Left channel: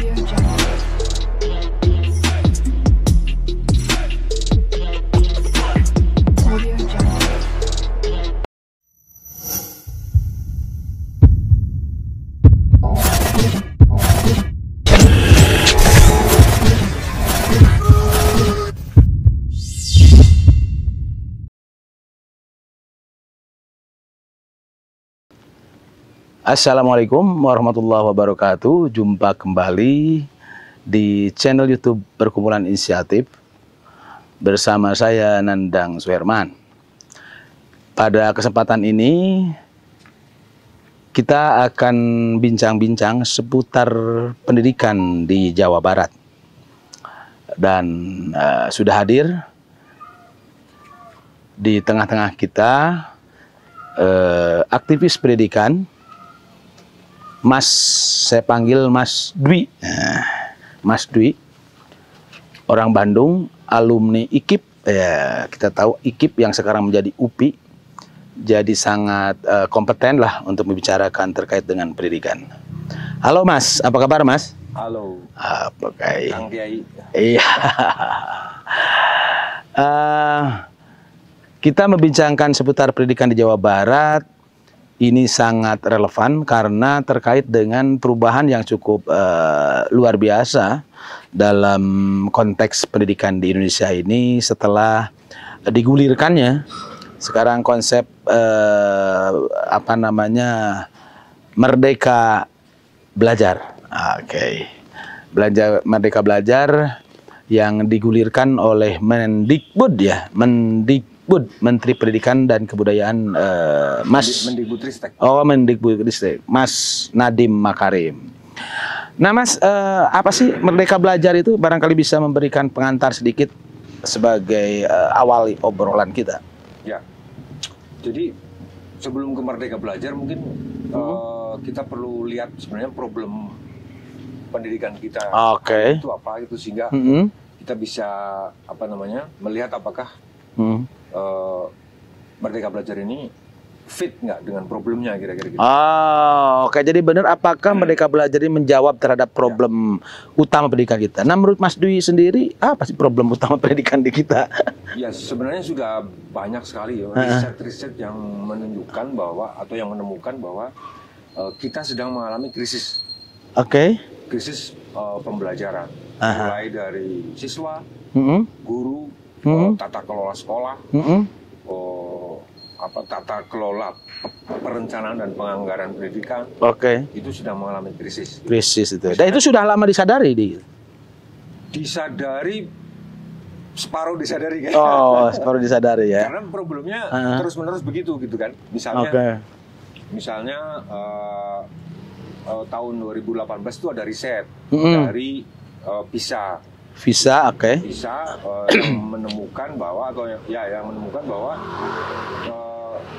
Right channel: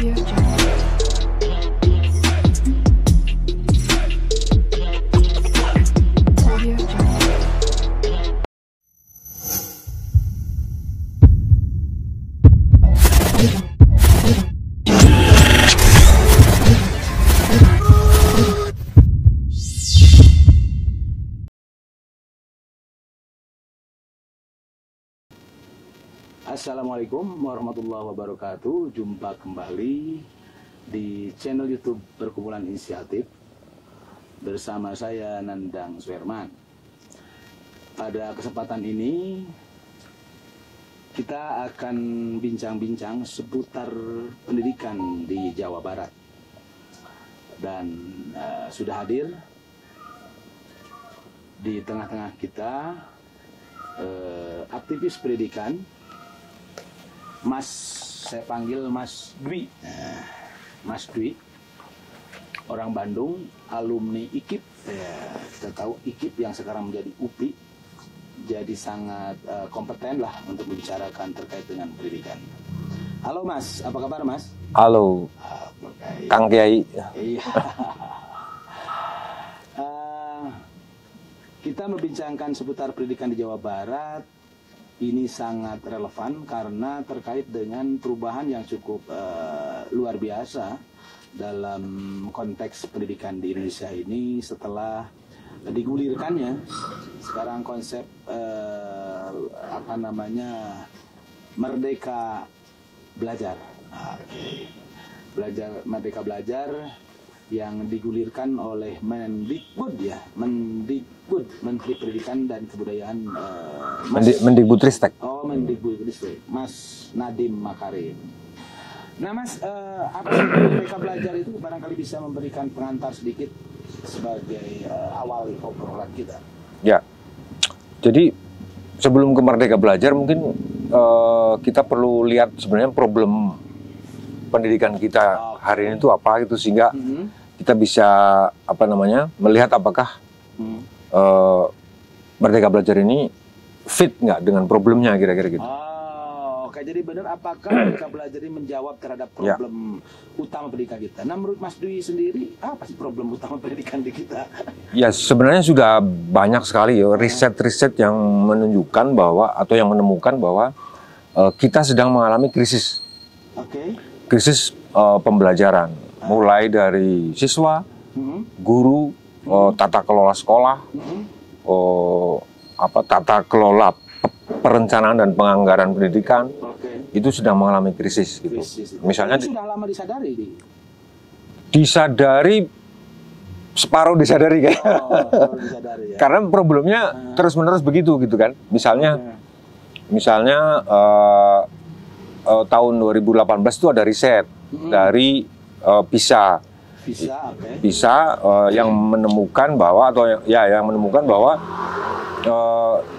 Audio Jungle. Audio Jungle. Assalamualaikum warahmatullahi wabarakatuh. Jumpa kembali di channel YouTube Perkumpulan Inisiatif bersama saya Nandang Suherman. Pada kesempatan ini kita akan bincang-bincang seputar pendidikan di Jawa Barat. Dan sudah hadir di tengah-tengah kita aktivis pendidikan, Mas, saya panggil Mas Dwi. Mas Dwi, orang Bandung, alumni IKIP. Ya, kita tahu IKIP yang sekarang menjadi UPI, jadi sangat kompeten lah untuk membicarakan terkait dengan pendidikan. Halo Mas, apa kabar Mas? Halo, Apa kayak Kang Kiai. Iya. Kita membincangkan seputar pendidikan di Jawa Barat. Ini sangat relevan karena terkait dengan perubahan yang cukup luar biasa dalam konteks pendidikan di Indonesia ini setelah digulirkannya sekarang konsep Merdeka Belajar. Oke. Merdeka Belajar yang digulirkan oleh Mendikbud ya, Menteri Pendidikan dan Kebudayaan Mendikbudristek. Oh, Mendikbudristek, Mas Nadiem Makarim. Nah, Mas, apa sih Merdeka Belajar itu? Barangkali bisa memberikan pengantar sedikit sebagai awal obrolan kita. Ya, jadi sebelum ke Merdeka Belajar mungkin kita perlu lihat sebenarnya problem pendidikan kita hari itu apa gitu sehingga kita bisa melihat apakah Merdeka Belajar ini fit nggak dengan problemnya kira-kira gitu. Oh, oke. Jadi benar apakah Merdeka Belajar ini menjawab terhadap problem utama pendidikan kita? Nah, menurut Mas Dwi sendiri, apa sih problem utama pendidikan di kita? Ya, sebenarnya sudah banyak sekali ya riset-riset yang menunjukkan bahwa atau yang menemukan bahwa kita sedang mengalami krisis. Oke. Krisis pembelajaran. Mulai dari siswa, guru, tata kelola sekolah, tata kelola perencanaan dan penganggaran pendidikan, itu sedang mengalami krisis. Krisis itu. Misalnya, itu sudah lama disadari disadari separuh disadari kan? Oh, separuh disadari ya. Karena problemnya terus-menerus begitu gitu kan. Misalnya tahun 2018 itu ada riset dari PISA. PISA yang menemukan bahwa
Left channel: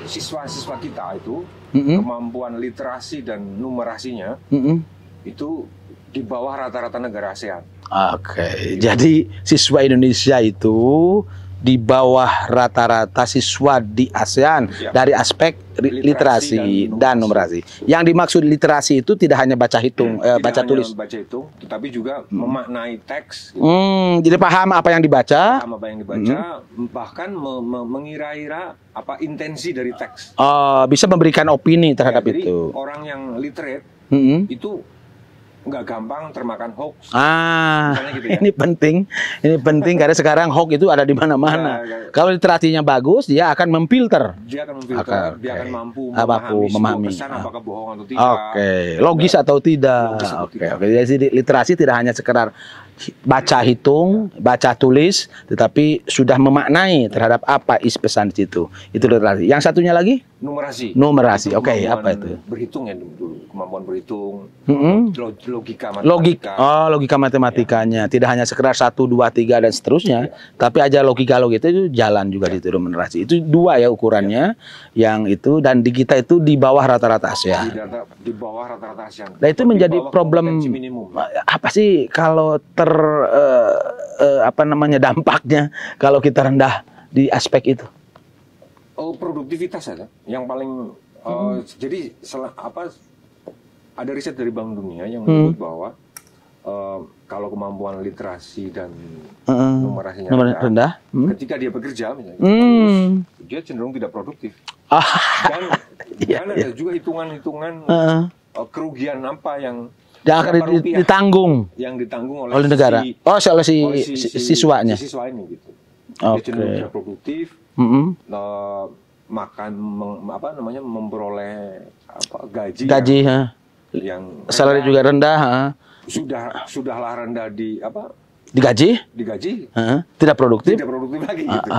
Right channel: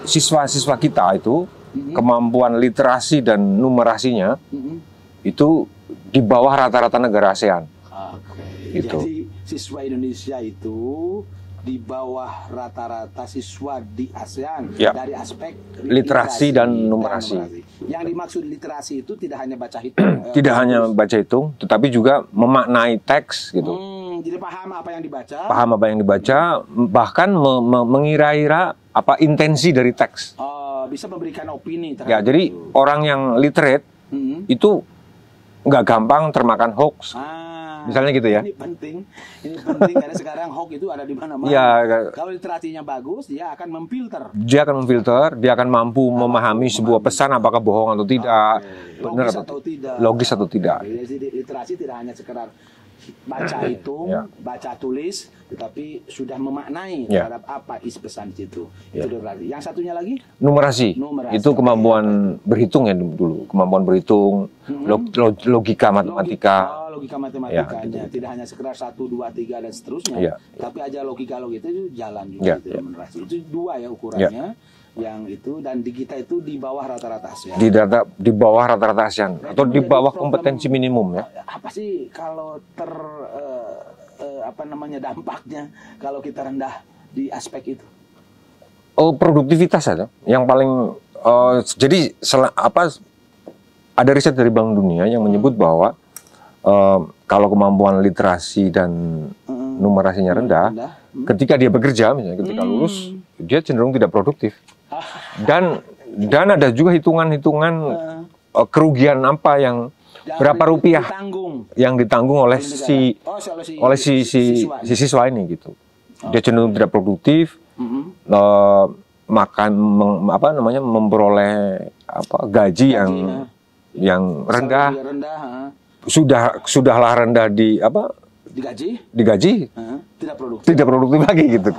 siswa-siswa kita itu kemampuan literasi dan numerasinya itu di bawah rata-rata negara ASEAN. Oke. Jadi siswa Indonesia itu di bawah rata-rata siswa di ASEAN dari aspek literasi dan numerasi. Yang dimaksud literasi itu tidak hanya baca hitung, tidak hanya baca hitung, tetapi juga memaknai teks. Gitu. Jadi paham apa yang dibaca, bahkan mengira-ira apa intensi dari teks. Bisa memberikan opini terhadap jadi itu. Orang yang literate itu nggak gampang termakan hoax, misalnya gitu ya. Ini penting karena sekarang hoax itu ada di mana-mana. Kalau literasinya bagus, dia akan memfilter. Dia akan mampu memahami sebuah pesan apakah bohong atau tidak. Logis atau tidak. Jadi literasi tidak hanya sekedar baca hitung, baca tulis, tetapi sudah memaknai terhadap apa isi pesan di situ. Itu literasi. Yang satunya lagi? Numerasi. Itu kemampuan berhitung ya dulu. Kemampuan berhitung, logika matematika. Logika matematikanya. Tidak hanya sekedar 1, 2, 3 dan seterusnya, tapi aja logika itu jalan juga di numerasi. Itu dua ya ukurannya. Yang itu dan di kita itu di bawah rata-rata ASEAN. Di bawah rata-rata ASEAN. Nah, itu menjadi problem kompetensi minimum. Apa sih kalau dampaknya kalau kita rendah di aspek itu? Produktivitas ada. Yang paling jadi ada riset dari Bank Dunia yang menyebut bahwa kalau kemampuan literasi dan numerasinya rendah, ketika dia bekerja, misalnya ketika lulus, dia cenderung tidak produktif. Dan ada juga hitungan-hitungan kerugian apa yang berapa rupiah yang ditanggung oleh siswa ini gitu. Dia cenderung tidak produktif, memperoleh gaji yang rendah, salary juga rendah, sudahlah rendah digaji, tidak produktif lagi gitu.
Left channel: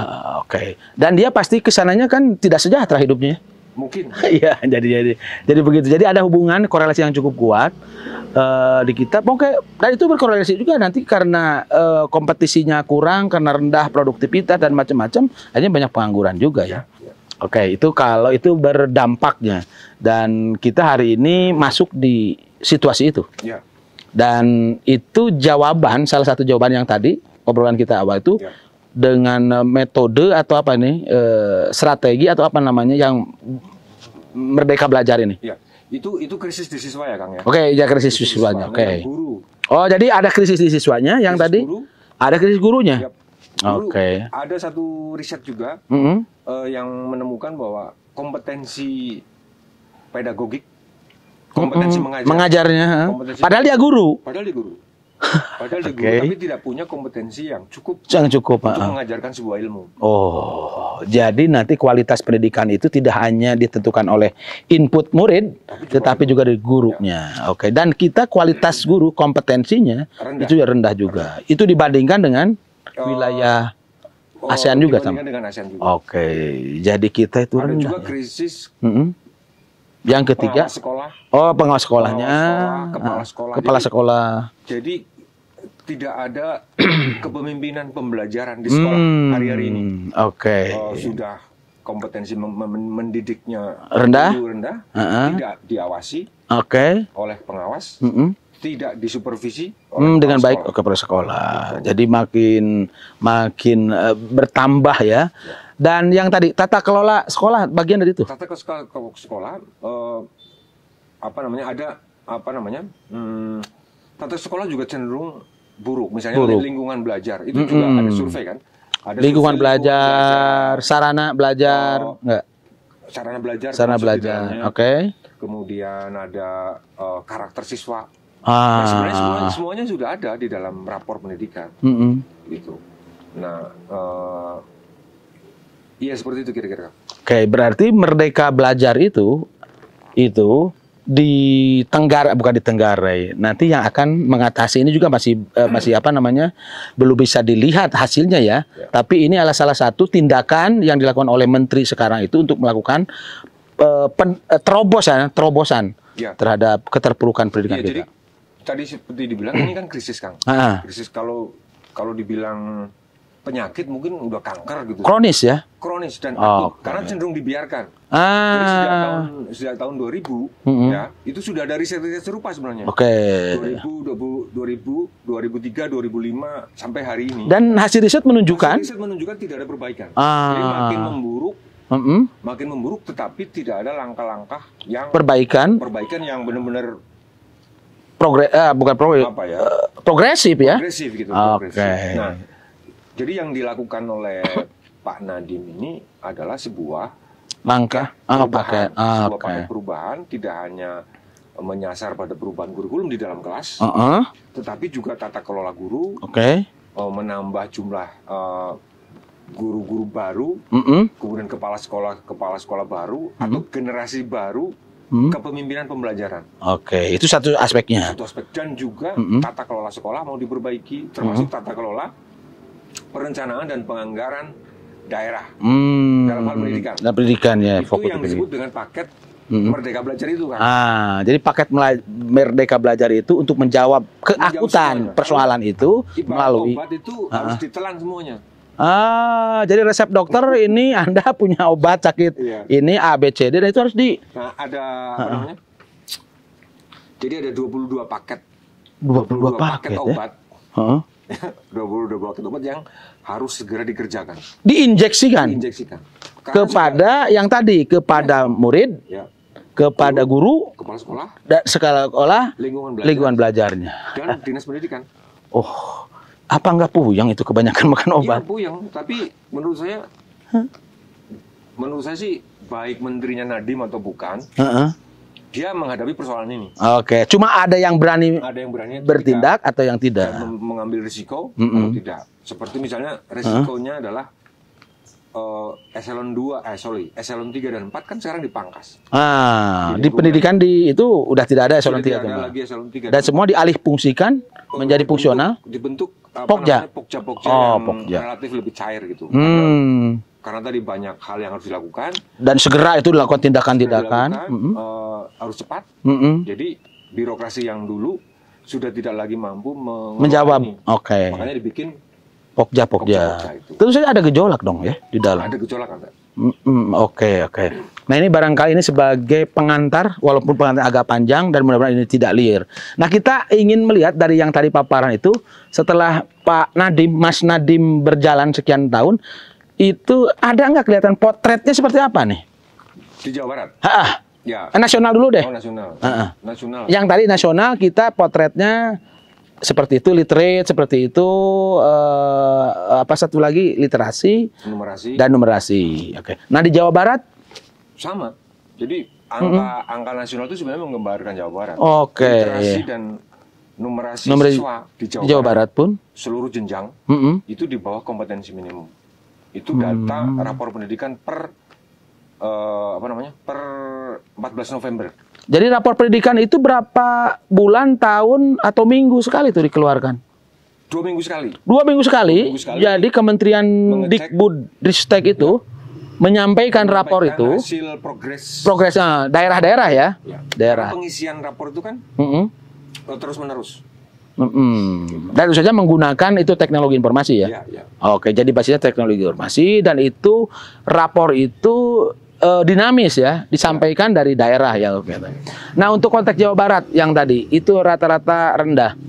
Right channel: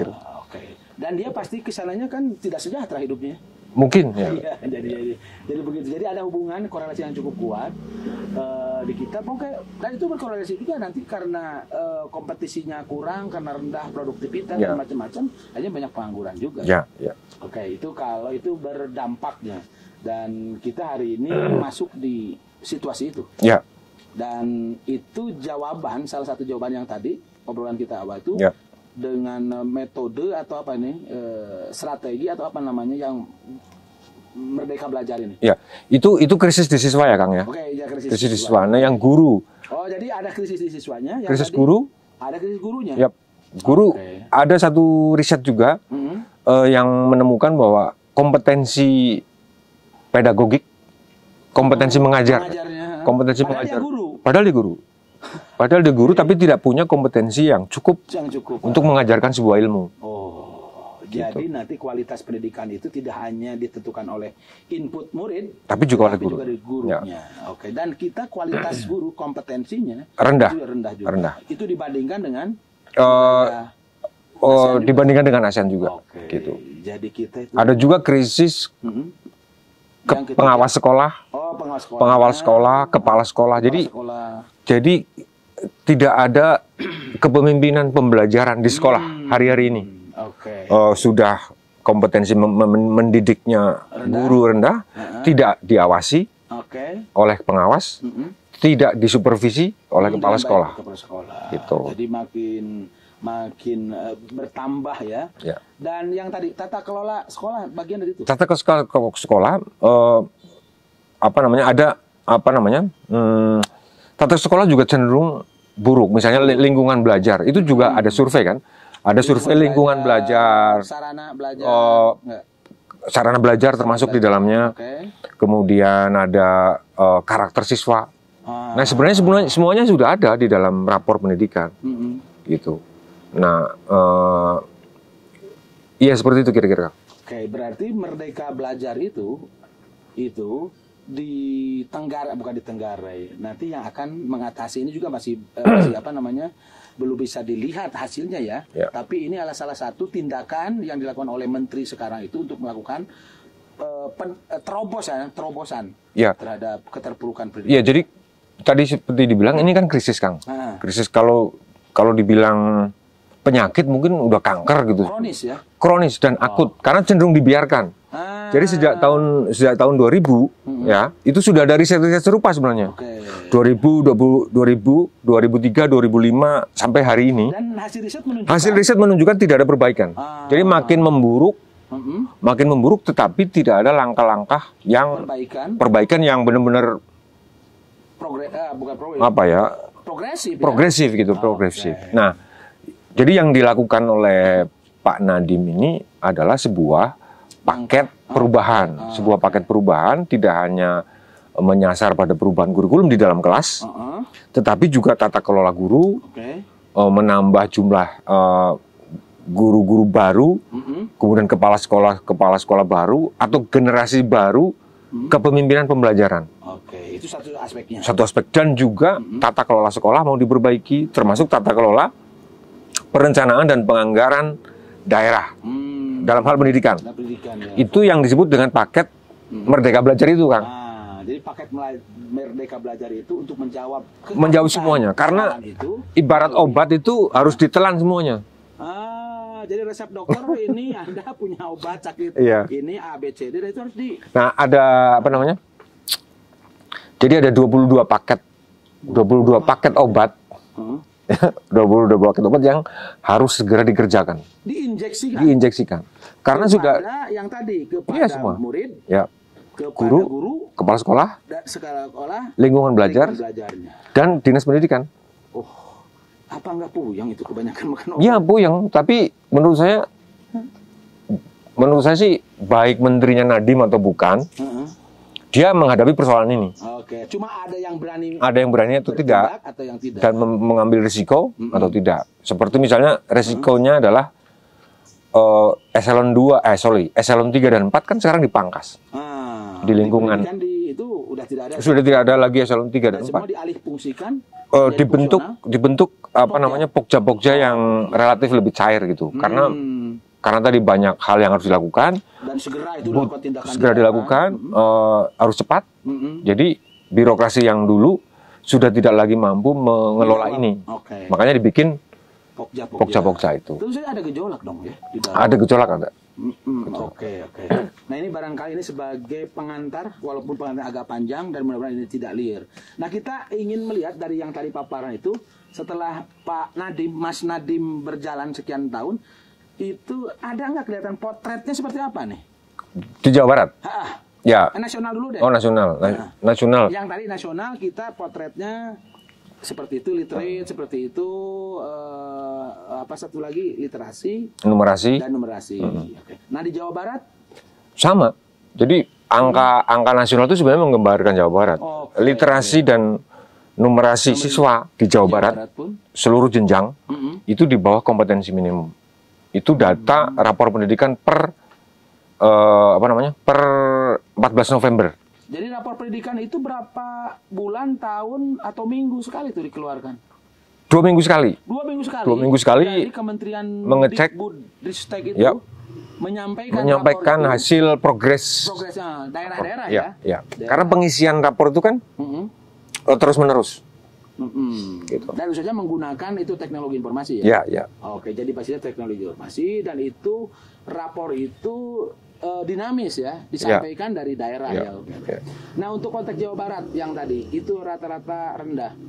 Oke. Dan dia pasti kesananya kan tidak sejahtera hidupnya. Mungkin. Iya, jadi begitu. Jadi ada hubungan korelasi yang cukup kuat di kita. Oke, dan itu berkorelasi juga nanti karena kompetisinya kurang, karena rendah produktivitas dan macam-macam, akhirnya banyak pengangguran juga. Ya. Oke, itu kalau itu berdampaknya. Dan kita hari ini masuk di situasi itu. Ya. Dan itu jawaban, salah satu jawaban yang tadi obrolan kita awal itu dengan metode atau apa nih, strategi atau apa namanya yang Merdeka Belajar ini. Ya, itu krisis di siswa ya Kang ya. Oke, ya krisis di siswanya. Yang guru. Oh, jadi ada krisis di siswanya yang krisis tadi. Guru. Ada krisis gurunya. Yap. Guru. Ada satu riset juga yang menemukan bahwa kompetensi pedagogik, kompetensi mengajarnya, padahal dia guru. Padahal dia guru, tapi tidak punya kompetensi yang cukup untuk mengajarkan sebuah ilmu. Oh, jadi nanti kualitas pendidikan itu tidak hanya ditentukan oleh input murid, tetapi juga dari gurunya. Ya. Oke, dan kita kualitas guru kompetensinya itu rendah juga. Itu dibandingkan dengan wilayah ASEAN juga. Dibandingkan dengan ASEAN juga. Oke, jadi kita itu ada juga krisis. Yang ketiga, pengawas sekolah. Oh, pengawas sekolah. Kepala sekolah. Jadi tidak ada kepemimpinan pembelajaran di sekolah hari-hari ini. Oke. Sudah kompetensi mendidiknya rendah, tidak diawasi oleh pengawas, tidak disupervisi oleh dengan sekolah. Baik kepala sekolah. Gitu. Jadi makin bertambah ya. Dan yang tadi tata kelola sekolah bagian dari itu. Tata kelola sekolah tata sekolah juga cenderung buruk. Misalnya lingkungan belajar itu juga ada survei kan. Ada survei lingkungan belajar, sarana belajar, sarana belajar termasuk di dalamnya. Kemudian ada karakter siswa. Nah sebenarnya semuanya sudah ada di dalam rapor pendidikan, gitu. Nah, iya seperti itu kira-kira. Oke, berarti Merdeka Belajar itu bukan ditenggarai. Nanti yang akan mengatasi ini juga masih belum bisa dilihat hasilnya ya. Tapi ini adalah salah satu tindakan yang dilakukan oleh menteri sekarang itu untuk melakukan terobosan terhadap keterpurukan pendidikan. Iya, jadi tadi seperti dibilang ini kan krisis Kang. Krisis kalau dibilang penyakit mungkin udah kanker gitu. Kronis ya? Kronis dan akut karena cenderung dibiarkan. Jadi sejak tahun 2000 ya, itu sudah ada riset serupa sebenarnya. 2000, 2003, 2005 sampai hari ini. Dan hasil riset menunjukkan tidak ada perbaikan. Jadi makin memburuk tetapi tidak ada langkah-langkah yang perbaikan yang benar-benar progresif ya. Progresif. Nah, jadi yang dilakukan oleh Pak Nadiem ini adalah sebuah paket perubahan. Paket perubahan tidak hanya menyasar pada perubahan kurikulum di dalam kelas, tetapi juga tata kelola guru, menambah jumlah guru-guru baru, kemudian kepala sekolah baru, atau generasi baru, kepemimpinan pembelajaran. Itu satu aspeknya. Satu aspek. Dan juga tata kelola sekolah mau diperbaiki, termasuk tata kelola perencanaan dan penganggaran daerah dalam hal pendidikan. Itu yang disebut dengan paket Merdeka Belajar itu kan. Jadi paket Merdeka Belajar itu untuk menjawab keakutan persoalan itu. Ibarat obat itu harus ditelan semuanya. Jadi resep dokter ini Anda punya obat sakit ini A, B, C, D, dan itu harus Nah, ada apa namanya? Jadi ada 22 paket obat. 22 paket obat yang harus segera dikerjakan. Diinjeksikan. Karena kepada yang tadi, kepada murid, kepada guru, kepala sekolah, sekolah, lingkungan belajarnya, dan dinas pendidikan. Oh, apa nggak puyeng itu kebanyakan makan obat? Iya puyeng, tapi menurut saya sih baik menterinya Nadiem atau bukan, dia menghadapi persoalan ini. Oke, cuma ada yang berani bertindak atau yang tidak, dan mengambil risiko atau tidak. Seperti misalnya risikonya adalah eselon 3 dan 4 kan sekarang dipangkas. Di pendidikan itu udah tidak ada sudah tidak ada lagi eselon 3 dan semua dialih fungsikan menjadi fungsional. Dibentuk pokja yang relatif lebih cair gitu. Karena tadi banyak hal yang harus dilakukan dan segera itu dilakukan tindakan-tindakan. Harus cepat. Jadi birokrasi yang dulu sudah tidak lagi mampu menjawab ini. Makanya dibikin pokja itu. Tentu saja ada gejolak dong ya di dalam. Ada gejolak ada. Oke. Nah ini barangkali ini sebagai pengantar, walaupun pengantar agak panjang dan mudah-mudahan ini tidak liar. Nah kita ingin melihat dari yang tadi paparan itu, setelah Mas Nadiem berjalan sekian tahun, itu ada nggak kelihatan potretnya seperti apa nih? Di Jawa Barat? Ya. Nasional dulu deh. Oh nasional. Nasional. Yang tadi nasional kita potretnya seperti itu, literate seperti itu, apa satu lagi literasi, numerasi. Oke. Nah di Jawa Barat sama. Jadi angka nasional itu sebenarnya menggambarkan Jawa Barat. Literasi dan numerasi siswa di Jawa Barat pun seluruh jenjang itu di bawah kompetensi minimum. Itu data rapor pendidikan per 14 November. Jadi rapor pendidikan itu berapa bulan, tahun, atau minggu sekali itu dikeluarkan? 2 minggu sekali. 2 minggu sekali. 2 minggu sekali. Jadi Kementerian Dikbudristek itu menyampaikan rapor itu. Hasil progres daerah-daerah ya. Karena pengisian rapor itu kan terus-menerus. Dan tentu saja menggunakan itu teknologi informasi ya. Oke, jadi basisnya teknologi informasi dan itu rapor itu dinamis ya, disampaikan dari daerah ya. Nah untuk konteks Jawa Barat yang tadi itu rata-rata rendah.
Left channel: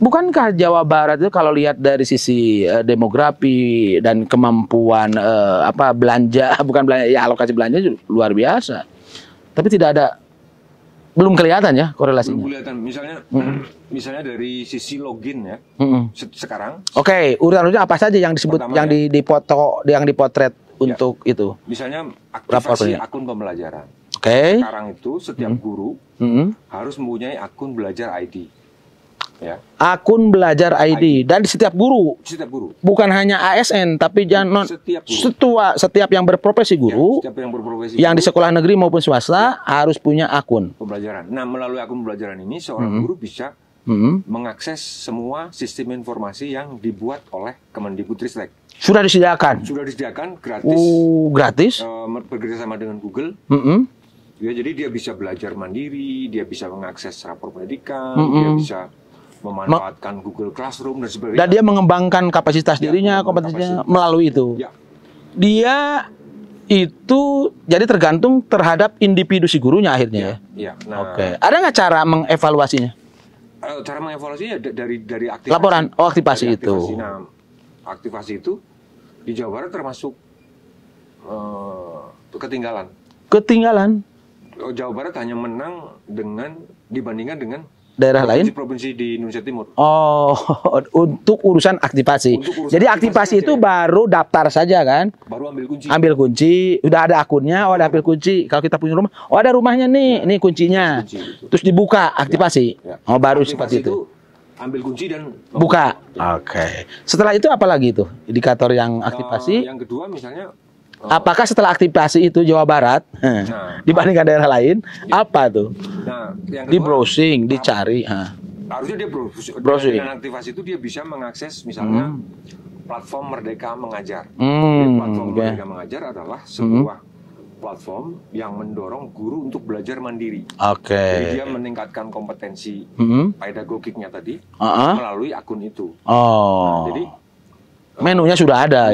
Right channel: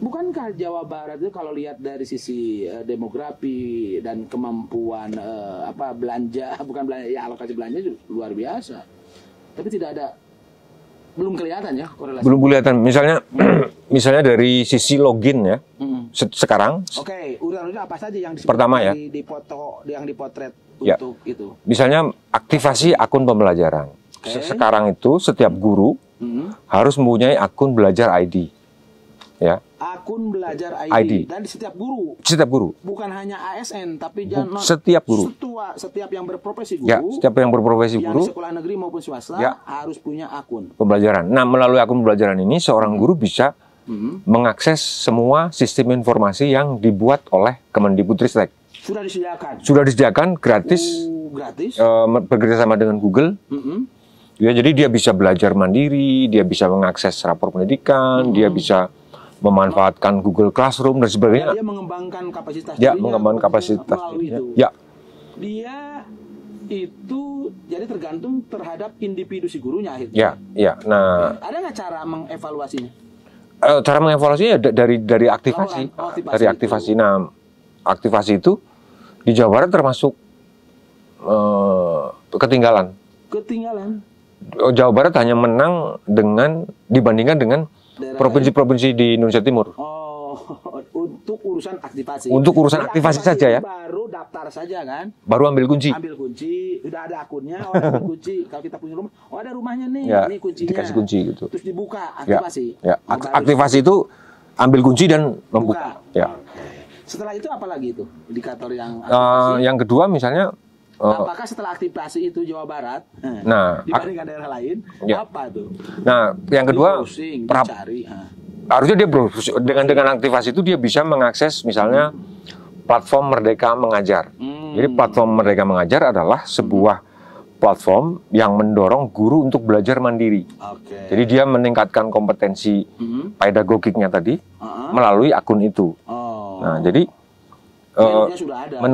Bukankah Jawa Barat itu kalau lihat dari sisi demografi dan kemampuan belanja, bukan belanja ya, alokasi belanja luar biasa. Tapi belum kelihatan ya korelasi. Belum kelihatan. Misalnya dari sisi login ya. Sekarang. Oke, urutan-urutan apa saja yang disebut yang dipotret untuk itu? Misalnya aktivasi akun pembelajaran. Sekarang itu setiap guru harus mempunyai akun belajar ID. Ya. Akun belajar ID. Dan setiap guru. Bukan hanya ASN tapi setiap guru. Setiap yang berprofesi guru. Setiap yang berprofesi yang di sekolah negeri maupun swasta harus punya akun pembelajaran. Nah, melalui akun pembelajaran ini seorang guru bisa mengakses semua sistem informasi yang dibuat oleh Kemendikbudristek. Sudah disediakan gratis. Gratis. Bekerjasama dengan Google. Ya, jadi dia bisa belajar mandiri, dia bisa mengakses rapor pendidikan, dia bisa memanfaatkan Google Classroom dan sebagainya. Dan dia mengembangkan kapasitas dirinya, melalui itu. Ya. Dia itu jadi tergantung terhadap individu si gurunya akhirnya. Ya. Nah, ada nggak cara mengevaluasinya? Cara mengevaluasinya dari aktivasi. Laporan, aktivasi itu. Nah, aktivasi itu di Jawa Barat termasuk ketinggalan. Jawa Barat hanya menang dibandingkan dengan provinsi-provinsi di Indonesia Timur. Untuk urusan aktivasi. Jadi aktivasi itu baru daftar saja kan? Baru ambil kunci. Udah ada akunnya, ada ambil kunci. Kalau kita punya rumah, ada rumahnya nih, ini kuncinya. Gitu. Terus dibuka aktivasi. Baru aktivasi itu ambil kunci dan buka. Oke. Setelah itu apa lagi itu? Indikator yang aktivasi? Yang kedua misalnya apakah setelah aktivasi itu Jawa Barat dibandingkan daerah lain apa tuh? Nah, yang kedua di browsing, dicari. Harusnya dia browsing. Dengan aktivasi itu dia bisa mengakses misalnya platform Merdeka Mengajar. Jadi platform Merdeka Mengajar adalah sebuah platform yang mendorong guru untuk belajar mandiri. Jadi dia meningkatkan kompetensi pedagogiknya tadi melalui akun itu. Nah, jadi menunya sudah ada.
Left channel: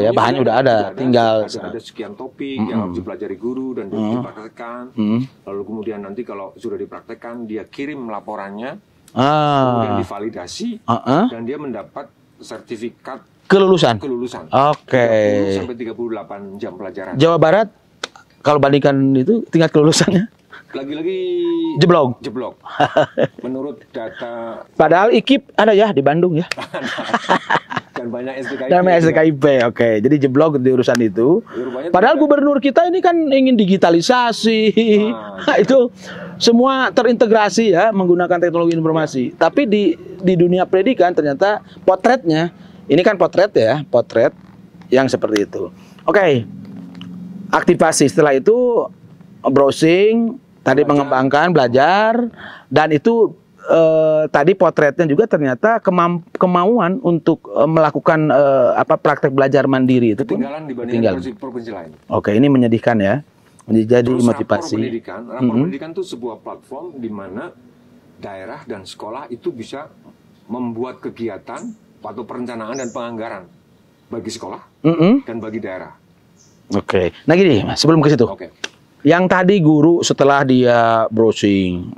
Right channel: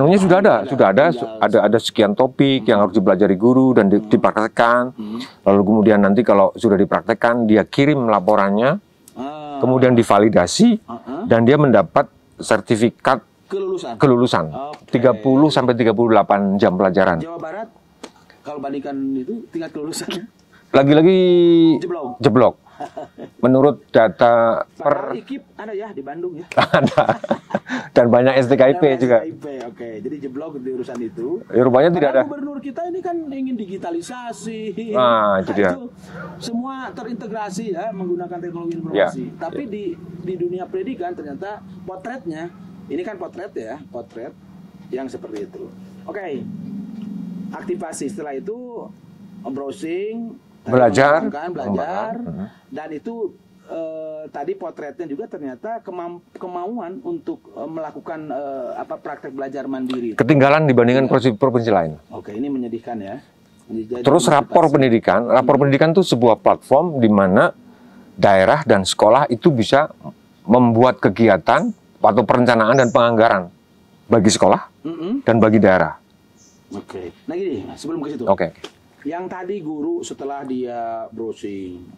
Ada sekian topik yang harus dipelajari guru dan dipraktekkan. Lalu kemudian nanti kalau sudah dipraktekkan dia kirim laporannya, kemudian divalidasi dan dia mendapat sertifikat kelulusan. 30 sampai 38 jam pelajaran. Jawa Barat kalau bandingkan itu tingkat kelulusannya lagi-lagi jeblok. Menurut data, Padahal IKIP ada ya di Bandung ya. dan banyak STKIP. Dan juga. SKIP, oke. Jadi jeblok di urusan itu. Ya, rupanya Padahal tidak ada. gubernur kita ini kan ingin digitalisasi. Nah, Itu semua terintegrasi ya menggunakan teknologi informasi. Ya. Tapi di dunia pendidikan ternyata potretnya, ini kan potret ya, potret yang seperti itu. Oke. Aktivasi setelah itu browsing, tadi mengembangkan, belajar, dan itu tadi potretnya juga ternyata kemauan untuk melakukan praktek belajar mandiri. Ketinggalan dibandingkan provinsi lain. Oke, ini menyedihkan ya. Jadi Terus motivasi. rapor pendidikan itu sebuah platform di mana daerah dan sekolah itu bisa membuat kegiatan atau perencanaan dan penganggaran bagi sekolah dan bagi daerah. Oke. Nah gini, sebelum ke situ. Oke. Yang tadi guru setelah dia browsing,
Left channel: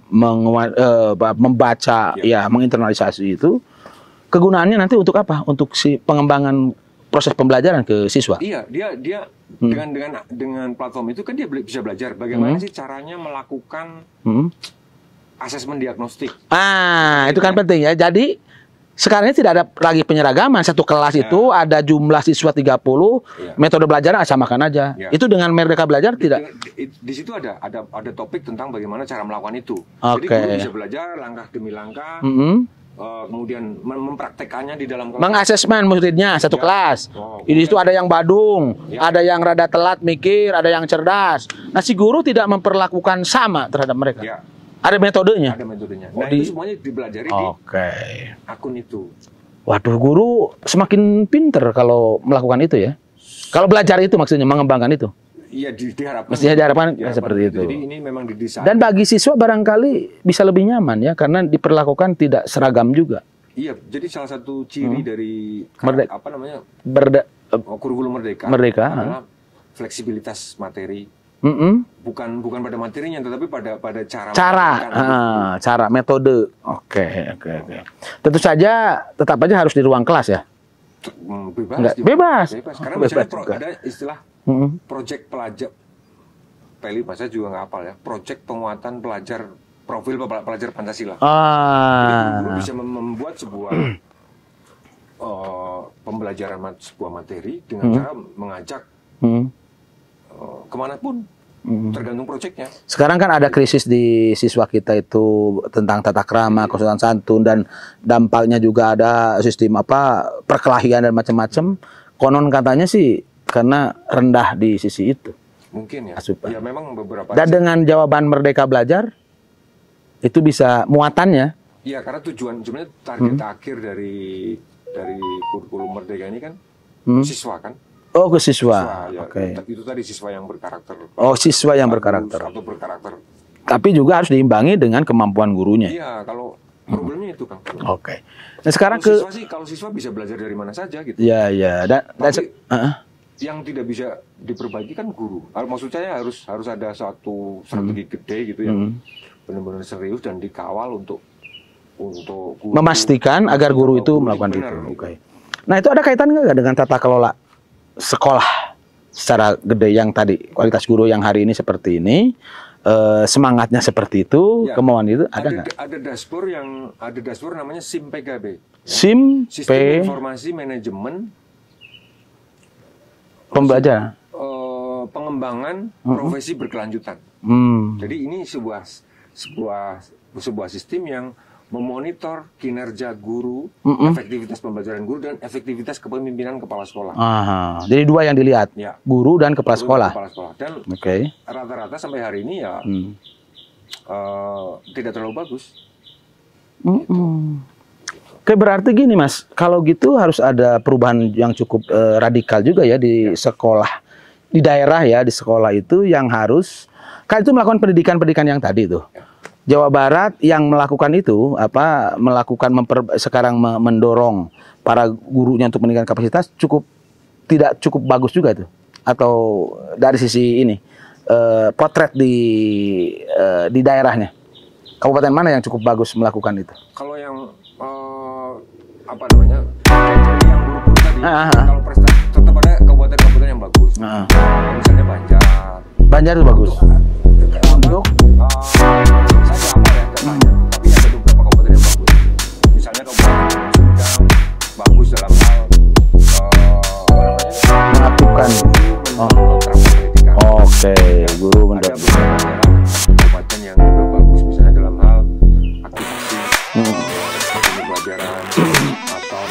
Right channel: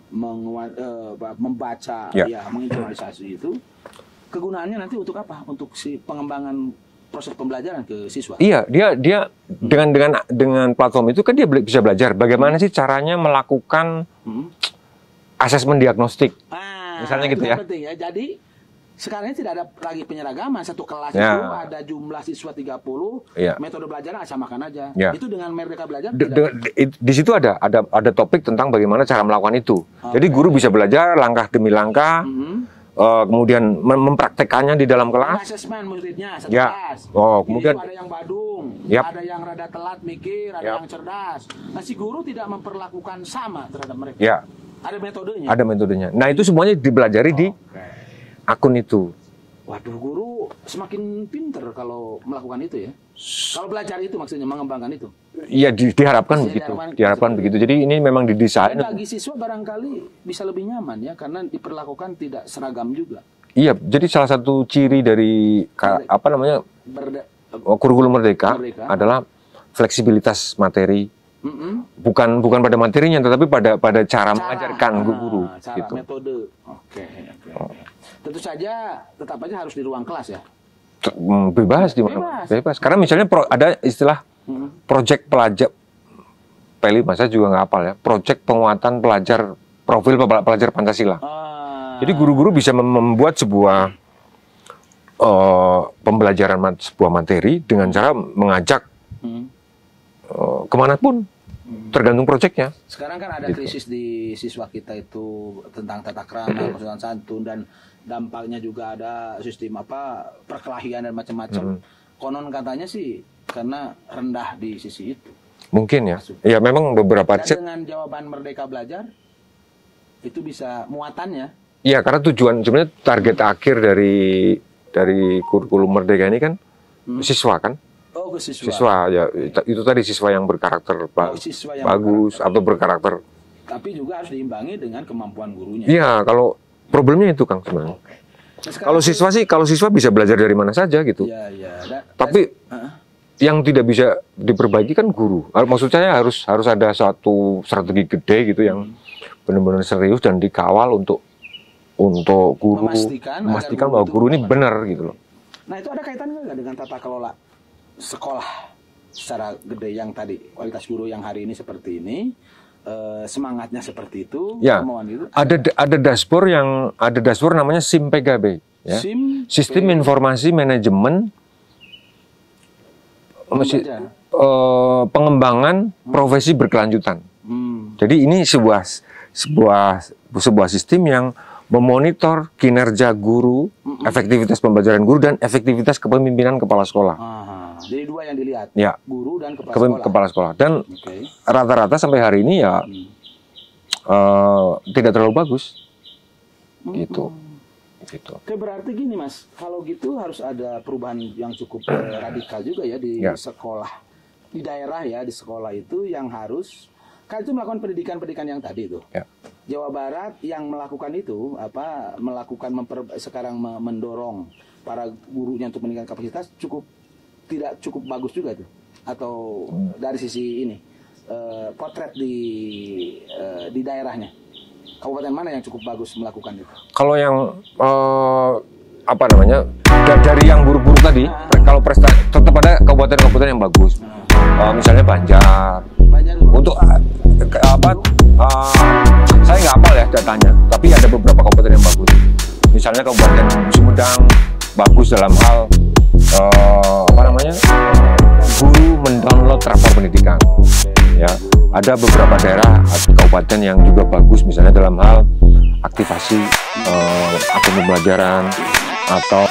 membaca, menginternalisasi itu, kegunaannya nanti untuk apa? Untuk si pengembangan proses pembelajaran ke siswa. Iya, dia dengan platform itu kan dia bisa belajar bagaimana sih caranya melakukan asesmen diagnostik. Misalnya itu kan penting ya. Jadi sekarang ini tidak ada lagi penyeragaman. Satu kelas itu ada jumlah siswa 30, metode belajar samakan aja. Itu dengan Merdeka Belajar tidak? Di situ ada topik tentang bagaimana cara melakukan itu. Jadi guru bisa belajar langkah demi langkah, kemudian mempraktekannya di dalam kelas. Mengasesmen muridnya satu kelas. Di situ ada yang badung, ada yang rada telat mikir, ada yang cerdas. Nah si guru tidak memperlakukan sama terhadap mereka. Ada metodenya. Ada metodenya. Nah itu semuanya dipelajari di akun itu. Waduh, guru semakin pinter kalau melakukan itu ya. Kalau belajar itu maksudnya mengembangkan itu. Iya diharapkan. Diharapkan gitu. Itu. Jadi ini memang didesain. Dan bagi siswa barangkali bisa lebih nyaman ya karena diperlakukan tidak seragam juga. Iya, jadi salah satu ciri dari kurikulum Merdeka adalah fleksibilitas materi. Bukan pada materinya, tetapi pada cara metode. Oke. Tentu saja, tetap aja harus di ruang kelas ya. Bebas. Karena misalnya ada istilah project pelajar, Peli masa juga nggak hafal ya. Project penguatan profil pelajar Pancasila. Jadi guru-guru bisa membuat sebuah pembelajaran sebuah materi dengan cara mengajak kemanapun, tergantung proyeknya. Sekarang kan ada krisis di siswa kita itu tentang tata krama, kesopanan santun, dan dampaknya juga ada sistem perkelahian dan macam-macam. Konon katanya sih karena rendah di sisi itu. Mungkin ya. Ya memang beberapa. Dan dengan jawaban Merdeka Belajar itu bisa muatannya. Iya, karena tujuan sebenarnya target akhir dari kurikulum Merdeka ini kan siswa kan. Oh, ke siswa. Ya. Itu tadi siswa yang berkarakter. Siswa yang berkarakter. Atau berkarakter. Tapi juga harus diimbangi dengan kemampuan gurunya. Iya, kalau problemnya itu Kang sebenarnya. Oke. Nah, sekarang kalau siswa bisa belajar dari mana saja gitu. Iya. Tapi yang tidak bisa diperbaiki kan guru. Maksud saya harus ada satu strategi gede gitu yang benar-benar serius dan dikawal untuk guru. Memastikan agar guru itu ini benar gitu. Nah, itu ada kaitannya nggak dengan tata kelola sekolah secara gede yang tadi, kualitas guru yang hari ini seperti ini, semangatnya seperti itu, kemauan itu ada dashboard namanya SIM-PGB ya? Sistem Informasi Manajemen Pembelajaran Pengembangan Profesi Berkelanjutan. Jadi ini sebuah sistem yang memonitor kinerja guru, efektivitas pembelajaran guru, dan efektivitas kepemimpinan kepala sekolah. Jadi dua yang dilihat, guru dan kepala sekolah. Dan rata-rata sampai hari ini ya tidak terlalu bagus. Gitu. Oke, berarti gini Mas, kalau gitu harus ada perubahan yang cukup radikal juga ya di sekolah, di daerah ya, di sekolah itu yang harus, kan itu melakukan pendidikan yang tadi itu. Jawa Barat yang melakukan itu sekarang mendorong para gurunya untuk meningkatkan kapasitas tidak cukup bagus juga itu, atau dari sisi ini potret di daerahnya, kabupaten mana yang cukup bagus melakukan itu? Kalau yang dari yang guru-guru tadi, kalau prestasi tetap ada kabupaten-kabupaten yang bagus. Misalnya Banjar itu bagus. Untuk Saya nggak hafal ya datanya, tapi ada beberapa kabupaten yang bagus. Misalnya Kabupaten Sumedang bagus dalam hal melakukan guru mendownload transfer pendidikan. Oke, Ya, guru ada beberapa daerah kabupaten yang juga bagus, misalnya dalam hal aktivasi akun pembelajaran atau